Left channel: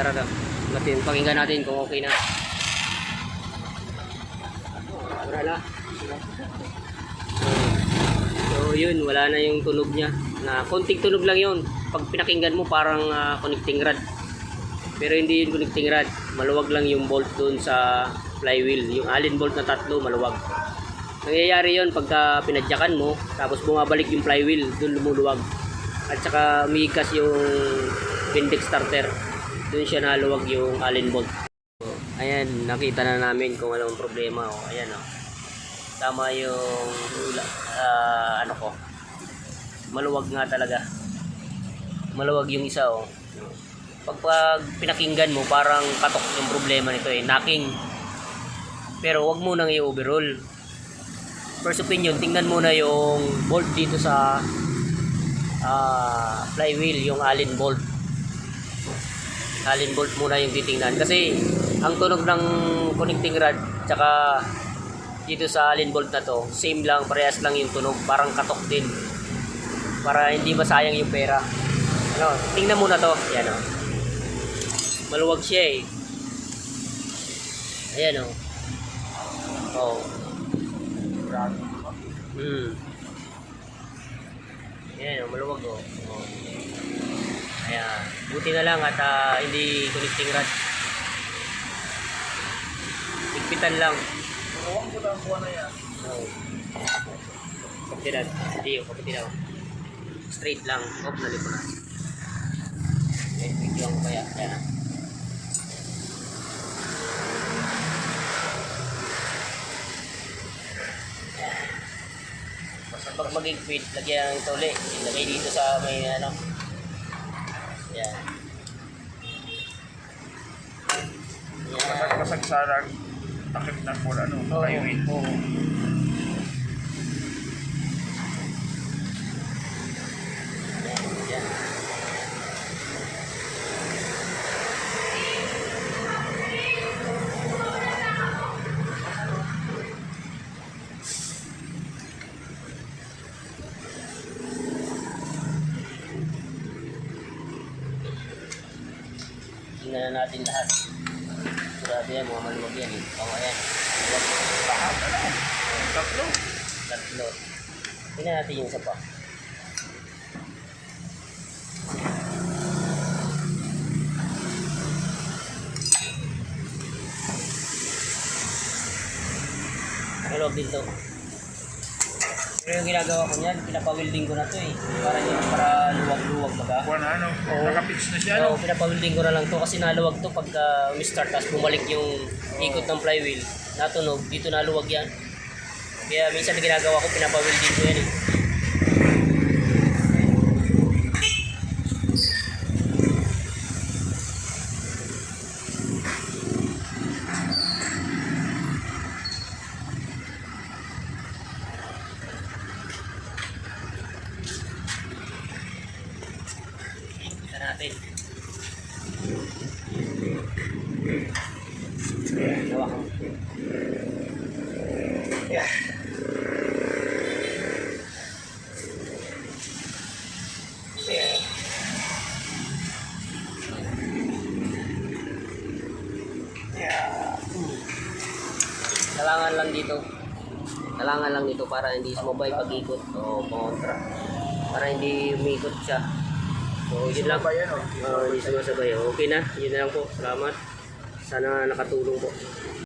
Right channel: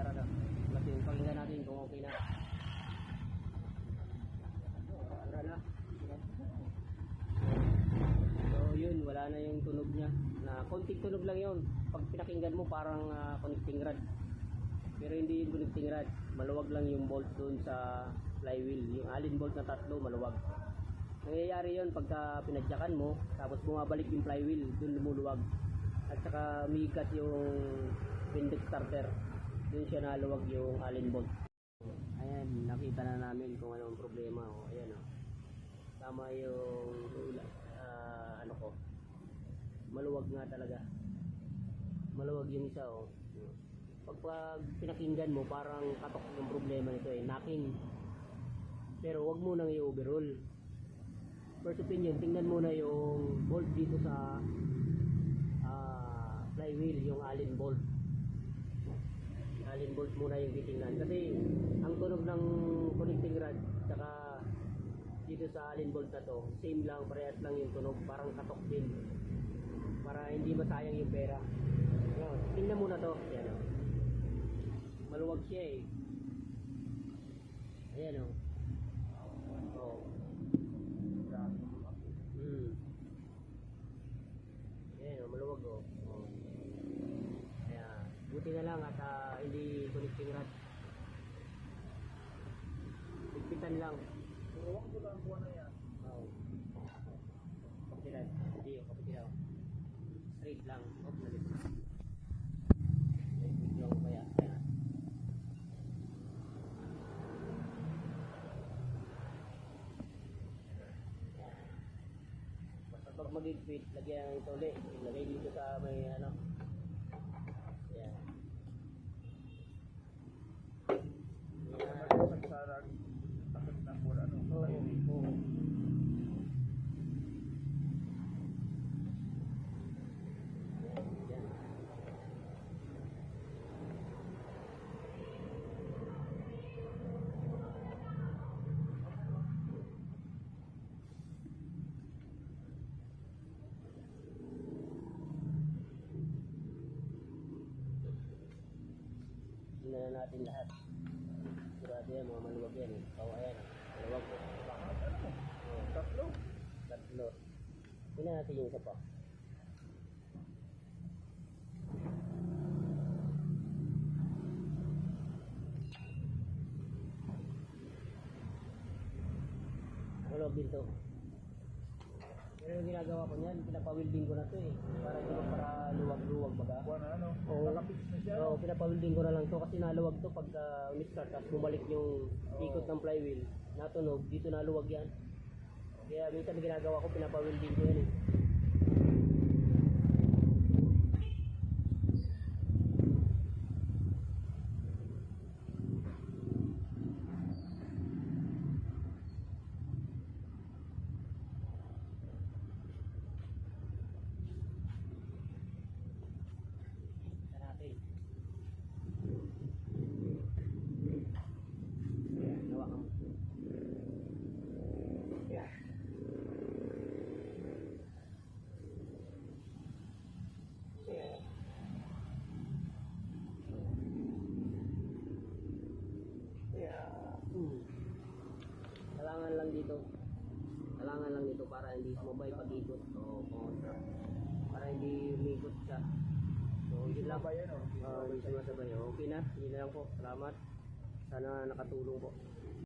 tara na. Pakinggan natin kung okay na. Wala na. So yun, wala na yung tunog niya. Na konting tunog lang yun. Pag pinakinggan mo parang connecting rod. Pero hindi yun connecting rod. Maluwag lang yung bolt doon sa flywheel. Yung Allen bolt na tatlo, maluwag. Nangyayari yun pagka pinadyakan mo, tapos bumabalik yung flywheel, doon lumuluwag. At saka umiikas yung Vindex starter. Doon siya naluwag yung Allen bolt. So, ayan, nakita na namin kung anong problema. O, ayan o. Tama yung ano ko. Maluwag nga talaga. Maluwag yung isa o. Pag pinakinggan mo, parang katok yung problema nito eh. Knocking. Pero wag mo nang i-overhaul. First opinion, tingnan muna yung bolt dito sa flywheel, yung Allen bolt. Allen bolt muna yung titingnan kasi ang tunog ng connecting rod tsaka dito sa Allen bolt na to, same lang, parehas lang yung tunog, parang katok din. Para hindi masayang yung pera. Ano, tingnan muna to. Ayan o. Maluwag siya eh. Ayan o. Oh. Ayan o, maluwag o. Oh. Ayan. Buti na lang at hindi connecting rod. Higpitan lang. Huwag ko lang buwan na yan. Oh. Kapitinan. Hindi o, kapitinan. Straight lang. Off na lipo na. Okay, video ko kaya. Ayan. Pag mag-igpit, lagyan ng tole. Ilagay dito sa may ano. Yan. Yan. Kasagsalag. Takip ng bola, no? Oo. Flywheel. Oo. Yan. Yan. Tingnan na natin lahat. Grabe yan, mga maluwag yan eh. O ayan. Maluwag. Lahat, ano? Tatlo. Tatlo. Tingnan natin yung isa pa. Maluwag din to. Pero yung ginagawa ko niyan, pinapawilding ko na to eh. Para luwag-luwag baga. Buwan na, ano? Oo. Nakapix na siya, Oo, no? pinapawilding ko na lang to kasi naluwag to pagka umi-start tapos bumalik yung ikot ng flywheel. Natunog, dito naluwag yan. Kaya minsan na ginagawa ko, pinapawilding ko yan eh. Natin. Gawa ko. Yeah. Yeah. Yeah. Kailangan lang dito. Kailangan lang dito para hindi sumabay pag-ikot o kontra. Para hindi umikot siya. So, yun lang. Hindi sumasabay. Okay na. Yun na lang po. Salamat. Sana nakatulong po.